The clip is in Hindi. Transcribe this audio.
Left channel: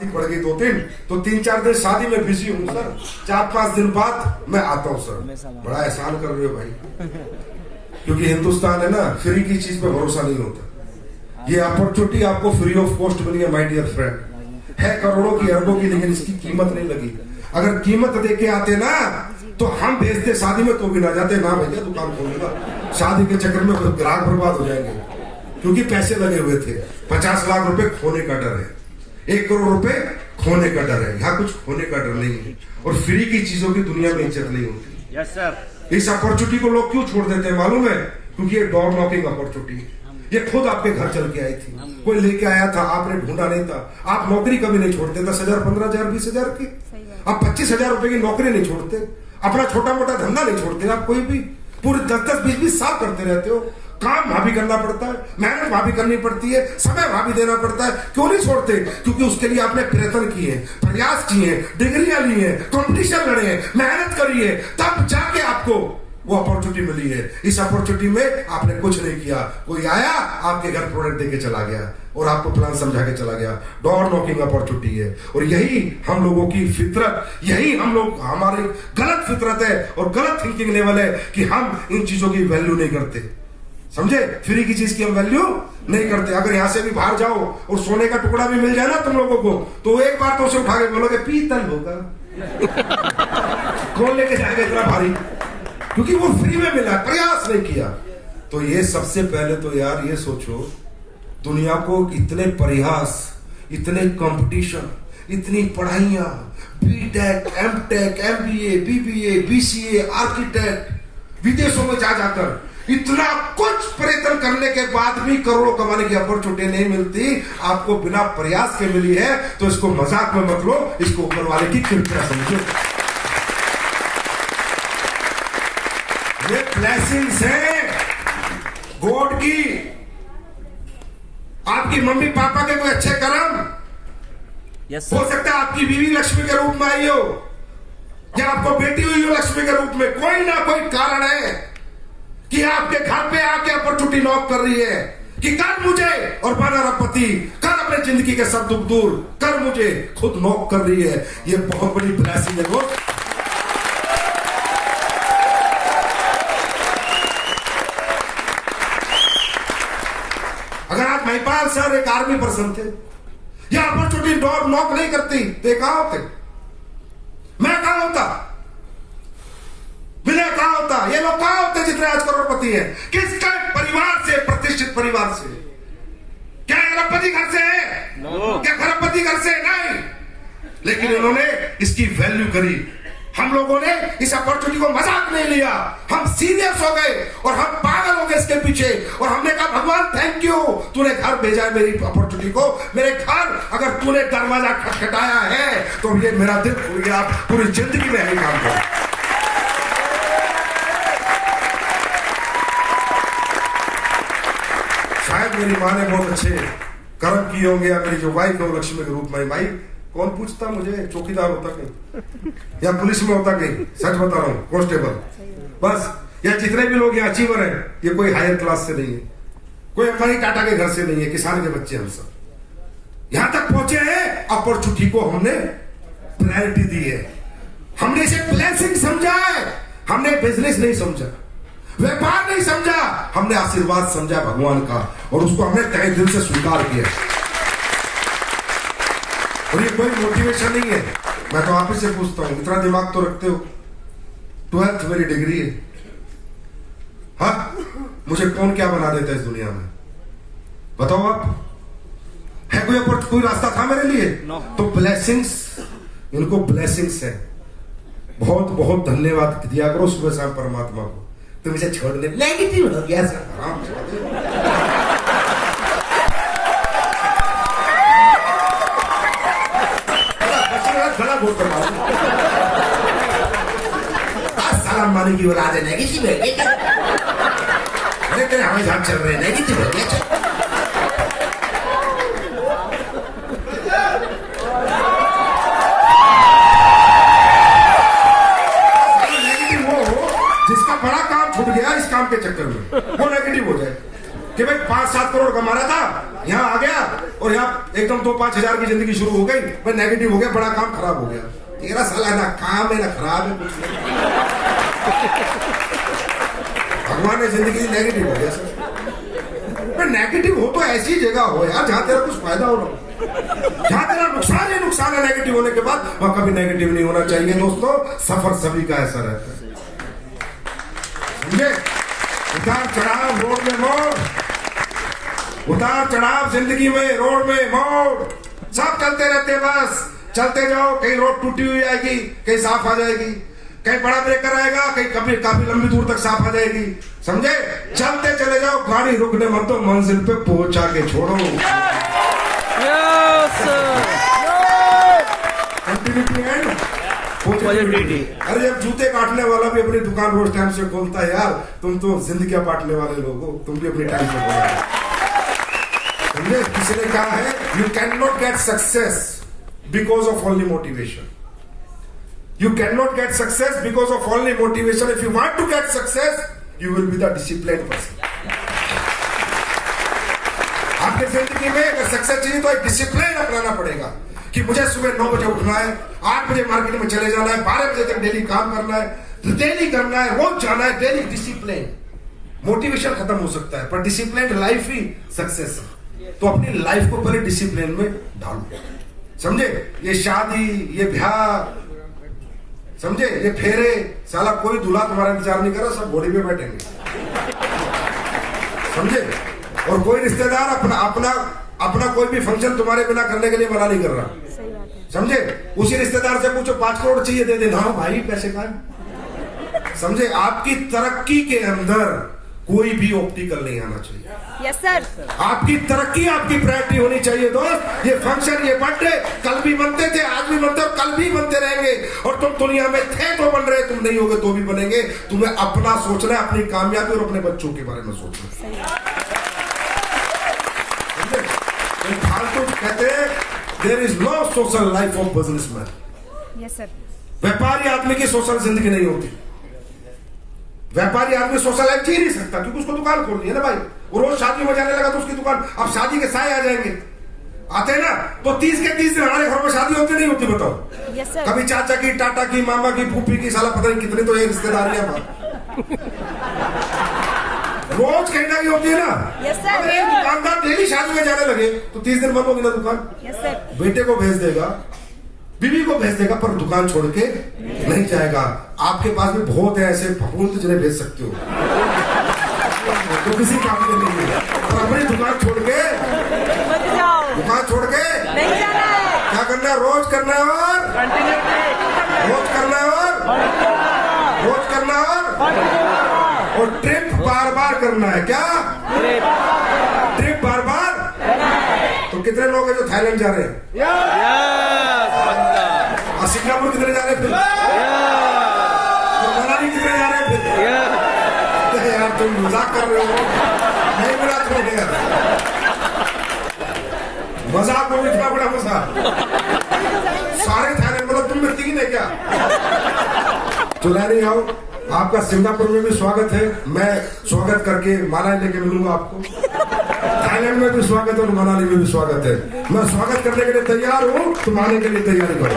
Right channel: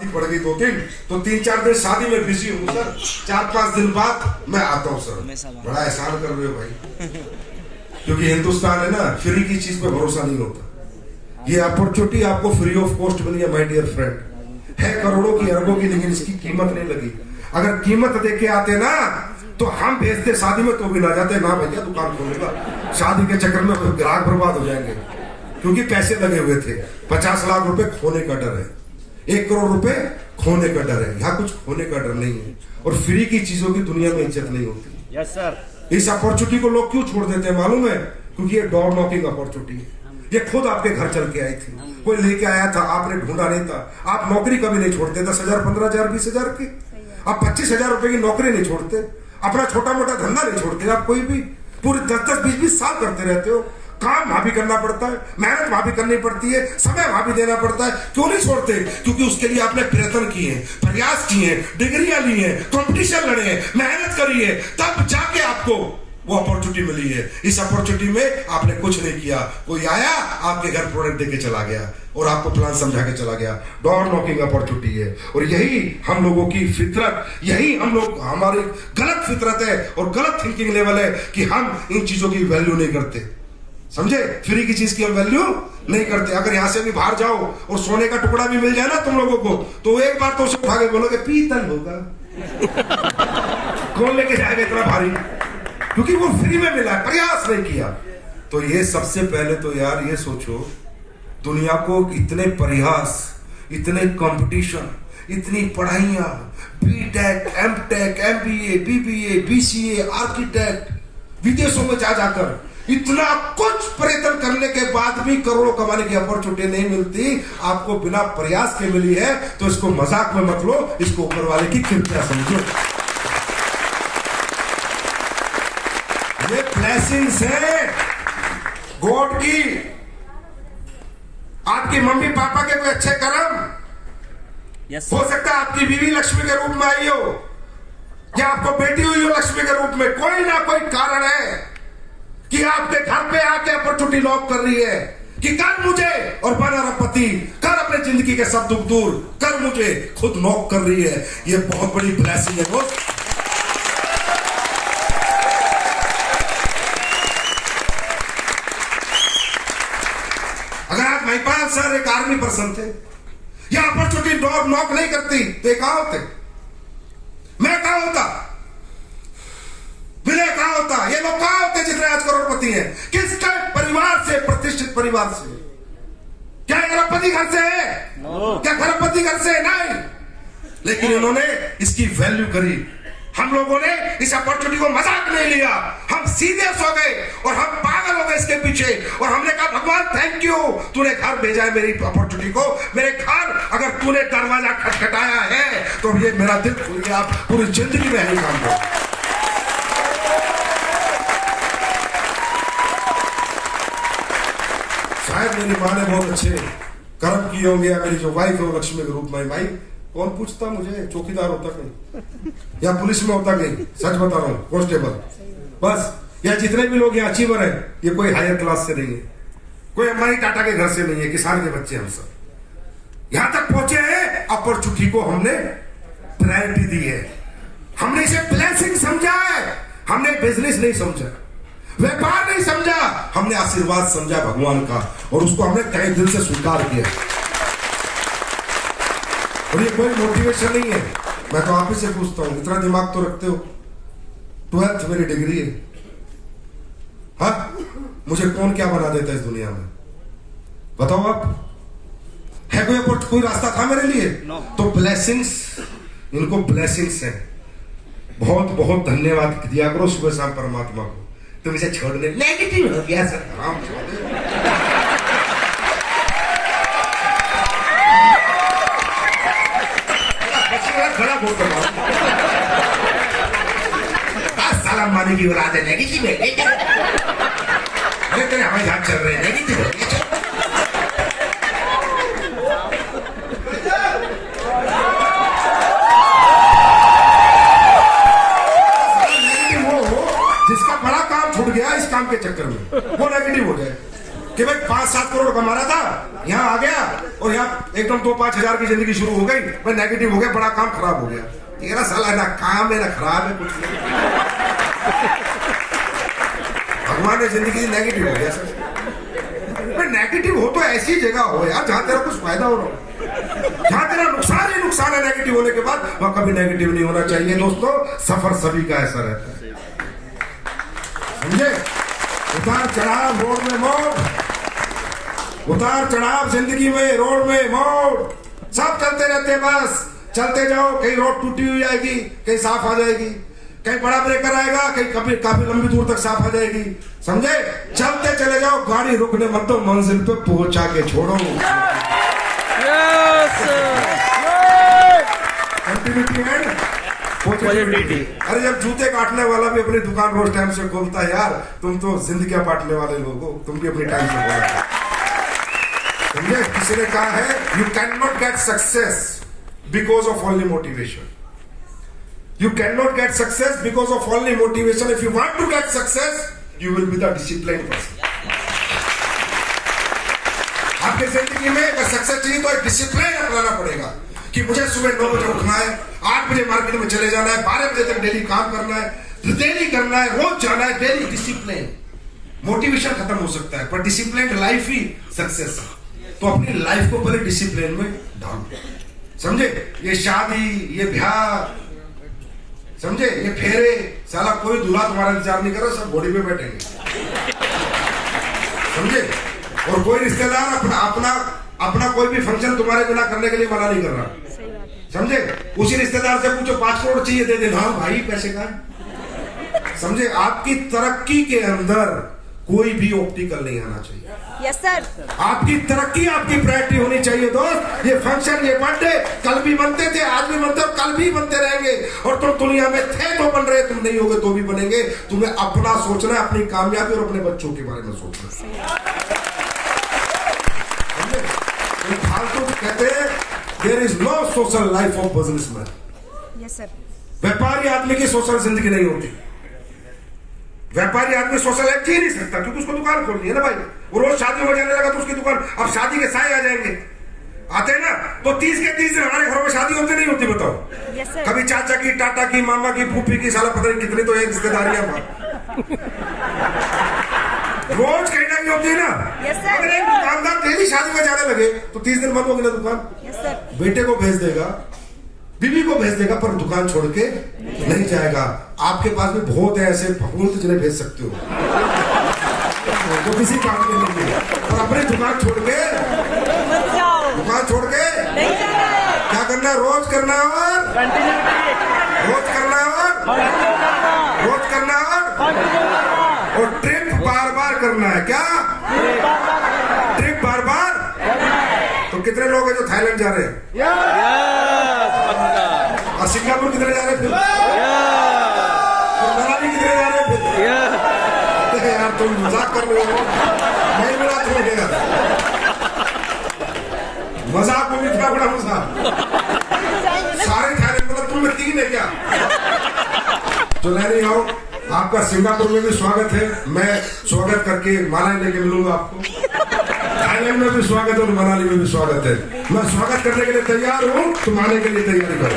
पड़ गई 2-3 तो 3-4 दिन शादी में बिजी हूँ सर। 4-5 दिन बाद मैं आता हूँ सर। बड़ा एहसान कर रहे हो भाई, क्योंकि हिंदुस्तान है ना, फ्री की चीज पे भरोसा नहीं होता। ये अपॉर्चुनिटी आपको फ्री ऑफ कॉस्ट मिली है माय डियर फ्रेंड, है करोड़ों की अरबों की, लेकिन इसकी कीमत नहीं लगी। अगर कीमत दे के आते ना तो हम भेजते शादी में तो भी ना जाते, ना भैया दुकान खोलूंगा, शादी के चक्कर में ग्राहक बर्बाद हो जाएंगे, क्योंकि पैसे लगे हुए थे। 50 लाख रुपए खोने का डर है, 1 करोड़ रुपए खोने का डर है, यहाँ कुछ खोने का डर नहीं है। और फ्री की चीजों की दुनिया में इज्जत नहीं होती। Yes sir. इस अपॉर्चुनिटी को लोग क्यों छोड़ देते हैं मालूम है? क्योंकि ये डोर नॉकिंग अपॉर्चुनिटी है। ये खुद आपके घर चल के आई थी, कोई लेके आया था, आपने ढूंढा नहीं था। आप नौकरी कभी नहीं छोड़ते, 10,000 15,000 20,000 की, आप 25,000 रुपए की नौकरी नहीं छोड़ते, अपना छोटा मोटा धंधा नहीं छोड़ते। आप कोई भी पूरे 10-10 20-20 साल करते रहते हो। काम वहां भी करना पड़ता है, मेहनत वहां भी करनी पड़ती है, समय वहां भी देना पड़ता है। क्यों नहीं छोड़ते? क्योंकि उसके लिए आपने प्रयत्न किए, प्रयास किए, डिग्रियां ली है, कंपटीशन लड़े हैं, मेहनत करी है, तब जाके आपको वो अपॉर्चुनिटी मिली है। इस अपॉर्चुनिटी में आपने कुछ नहीं किया, कोई आया आपके घर प्रोडक्ट देके चला गया और आपको प्लान समझा के चला गया। डोर नॉकिंग अपॉर्चुनिटी है। और यही हम लोगों की फितरत, यही हम लोग, हमारी गलत फितरत है और गलत थिंकिंग लेवल है कि हम इन चीजों की वैल्यू नहीं करते। समझे? फ्री की चीज की हम वैल्यू नहीं करते। अगर यहां से भी बाहर जाओ और सोने का टुकड़ा भी मिल जाए ना तुम लोगों को, तो एक बार तो उसे उठा के बोलोगे पीतल होगा। कौन लेके जाएगा इतना भारी? क्योंकि वो फ्री में मिला, प्रयास नहीं किया। तो ये सबसे पहले तो यार ये सोचो, दुनिया को इतने प्रयास, इतने कंपटीशन, इतनी पढ़ाइयां, BTech, MTech, MBA, BBA, BCA, architect, विदेशों में जा जाकर इतना कुछ प्रयत्न करने के बाद भी करोड़ों कमाने की अपॉर्चुनिटी नहीं मिलती, आपको बिना प्रयास के मिली है। तो इसको मजाक में मत लो, इसको ऊपर वाले की कृपया समझो। ये ब्लेसिंग्स है गॉड की। आपकी मम्मी पापा के कोई अच्छे कर्म, हो सकता है आपकी बीवी लक्ष्मी के रूप में आई हो, या आपको बेटी हुई हो लक्ष्मी के रूप में। कोई ना कोई कारण है कि आपके घर पे आके अपॉर्चुनिटी नॉक कर रही है कि कर मुझे और बन अरबपति, कर अपने जिंदगी के सब दुख दूर, कर मुझे, खुद नॉक कर रही है। ये बहुत बड़ी ब्लेसिंग है दोस्त। अगर आज महिपाल सर एक आर्मी पर्सन थे, ये अपॉर्चुनिटी डोर नॉक नहीं करती तो ये कहां होते? मैं कहां होता? विनय कहां होता? ये लोग कहां होते जितने आज करोड़पति हैं? किसके परिवार से? प्रतिष्ठित परिवार से। क्या अरबपति घर से है? क्या खरबपति घर से? नहीं। लेकिन उन्होंने इसकी वैल्यू करी। हम लोगों ने इस अपॉर्चुनिटी को मजाक नहीं लिया, हम सीरियस हो गए और हम पागल हो गए इसके पीछे। और हमने कहा भगवान थैंक यू, तूने घर भेजा है मेरी अपॉर्चुनिटी को। मेरे घर अगर तूने दरवाजा खटखटाया है तो ये मेरा दिल खुल गया। पूरी जिंदगी में यही काम करो। शायद मेरी माँ ने बहुत अच्छे कर्म किए होंगे, या मेरी जो वाइफ है वो लक्ष्मी के रूप में। भाई कौन पूछता मुझे, चौकीदार होता कहीं या पुलिस में होता कहीं, सच बता रहा हूं, कांस्टेबल बस। या जितने भी लोग यहाँ अचीवर हैं, ये कोई हायर क्लास से नहीं है, कोई अंबानी टाटा के घर से नहीं है, किसान के बच्चे हम सब यहां तक पहुंचे हैं। अपॉर्चुनिटी को हमने प्रायोरिटी दी है, हमने इसे ब्लेसिंग समझा है, हमने बिजनेस नहीं समझा, व्यापार नहीं समझा, हमने आशीर्वाद समझा भगवान का, और उसको हमने तहे दिल से स्वीकार किया। और ये कोई मोटिवेशन नहीं है, मैं तो आप ही से पूछता हूं, इतना दिमाग तो रखते हो, 12th मेरी डिग्री है। हाँ, मुझे कौन क्या बना देता है इस दुनिया में? बताओ आप, है कोई रास्ता था मेरे लिए? तो ब्लेसिंग्स, इनको ब्लेसिंग्स है। बहुत बहुत धन्यवाद दिया करो सुबह शाम परमात्मा को। तुम इसे छोड़ दे, नेगेटिव हो गया सर, आराम छोड़ दे। खड़ा बोल कर सलाम मानी की औलाद है, नेगेटिव है। अरे तेरे हमें झाग चल रहे हैं, नेगेटिव हो गया। नेगेटिव वो जिसका बड़ा काम छूट गया इस काम के चक्कर में, वो नेगेटिव हो जाए कि भाई 5-7 करोड़ कमा रहा था, यहाँ आ गया और यहाँ एकदम 2-5 हज़ार की जिंदगी शुरू हो गई, मैं नेगेटिव हो गया, बड़ा काम खराब हो गया। तेरा साला ना काम है ना खराब है, कुछ नहीं। भगवान ने जिंदगी नेगेटिव हो गया सर। नेगेटिव हो तो ऐसी जगह हो यार जहां तेरा कुछ फायदा हो रहा हो, जहां तेरा नुकसान ही नुकसान है। नेगेटिव होने के बाद वहां कभी नेगेटिव नहीं होना चाहिए। दोस्तों, सफर सभी का ऐसा रहता है, समझे? उतार चढ़ाव, रोड में मोड़, उतार चढ़ाव जिंदगी में, रोड में मोड़, सब चलते रहते। बस चलते जाओ, कहीं रोड टूटी हुई आएगी, कहीं साफ आ जाएगी, कहीं बड़ा ब्रेकर आएगा, कहीं कभी काफी लंबी दूर तक साफ आ जाएगी, समझे? चलते चले जाओ, गाड़ी रुकने मत दो, मंजिल पे पहुंचा के छोड़ो। Continuity and positivity. अरे जब जूते काटने वाला भी अपनी दुकान रोज टाइम से खोलता है यार, तुम तो जिंदगियां बांटने वाले लोग हो, तुम भी अपनी टाइम से खोलो, समझे? किसी ने कहा है, you can not get success because of only motivation. You cannot get success because of only motivation. If you want to get success, you will be the disciplined person. आपके जिंदगी में अगर सक्सेस चाहिए तो एक डिसिप्लिन अपनाना पड़ेगा कि मुझे सुबह 9 बजे उठना है, 8 बजे मार्केट में चले जाना है, 12 बजे तक डेली काम करना है, डेली करना है, रोज जाना है, डेली डिसिप्लिन। मोटिवेशन खत्म हो सकता है पर डिसिप्लिन लाइफ ही सक्सेस है। तो अपनी लाइफ को पहले डिसिप्लिन में डालो, समझे? ये शादी, ये ब्याह, समझे, ये फेरे, साला कोई दूल्हा तुम्हारा इंतजार नहीं कर रहा, सब घोड़ी पे बैठेंगे, समझे? और कोई रिश्तेदार अपना कोई भी फंक्शन तुम्हारे बिना करने के लिए मना नहीं कर रहा, समझे? उसी रिश्तेदार से पूछो 5 करोड़ चाहिए, दे देना। हाँ भाई, पैसे का है, समझे? आपकी तरक्की के अंदर कोई भी ऑब्स्टिकल नहीं आना चाहिए। Yes sir. आपकी तरक्की, आपकी प्रायोरिटी होनी चाहिए दोस्त। ये फंक्शन, ये बर्थडे कल भी बनते थे, आज भी बनते और कल भी बनते रहेंगे। और तुम दुनिया में थे तो बन रहे, तुम नहीं होगे तो भी बनेंगे। तुम्हें अपना सोचना है, अपनी कामयाबी और अपने बच्चों के बारे में सोचना है। फालतू कहते हैं there is no social life of businessman. Yes sir. व्यापारी आदमी की सोशल जिंदगी नहीं होती। व्यापारी आदमी सोशल लाइफ जी नहीं सकता क्योंकि उसको दुकान खोलनी है ना भाई। वो रोज शादी में जाने लगा तो उसकी दुकान, अब शादी के साए आ जाएंगे, आते हैं ना, तो 30 के 30 दिन हमारे घरों में शादी होती नहीं होती, बताओ? yes, कभी चाचा की, टाटा की, मामा की, फूफी की, साला पता नहीं कितनी तो एक रिश्तेदारियां रोज कहीं ना कहीं होती है ना। yes, अगर एक दुकानदार डेली शादी में जाने लगे तो 30 दिन बंद होगी ना दुकान। yes, बेटे को भेज देगा, बीवी को भेज देगा, पर दुकान छोड़ के नहीं जाएगा। आपके पास भी बहुत है ऐसे फपूंद जिन्हें भेज सकते हो तो किसी काम के नहीं है, पर अपनी दुकान छोड़ के क्या करना है? रोज करना है और रोज करना है रोज करना है और ट्रिप बार बार करना है। क्या ट्रिप बार बार? तो कितने लोग हैं जो थाईलैंड जा रहे हैं? और सिंगापुर कितने जा रहे हैं? फिर मनाली कितने जा रहे हैं? फिर यार तुम मजाक कर रहे हो, नहीं मिला तुम्हें यार, मजाक में भी इतना बड़ा मजाक। सारे थाईलैंड मतलब तुम में 3 है क्या? तो नहीं आओ, आपका सिंगापुर में भी स्वागत है। मैं स्वागत करके मालाएं लेके मिलूंगा आपको। थाईलैंड में भी स्वागत है और मनाली में भी स्वागत है। मैं स्वागत करने के लिए तैयार हूँ, तुम आने के लिए तैयारी करो।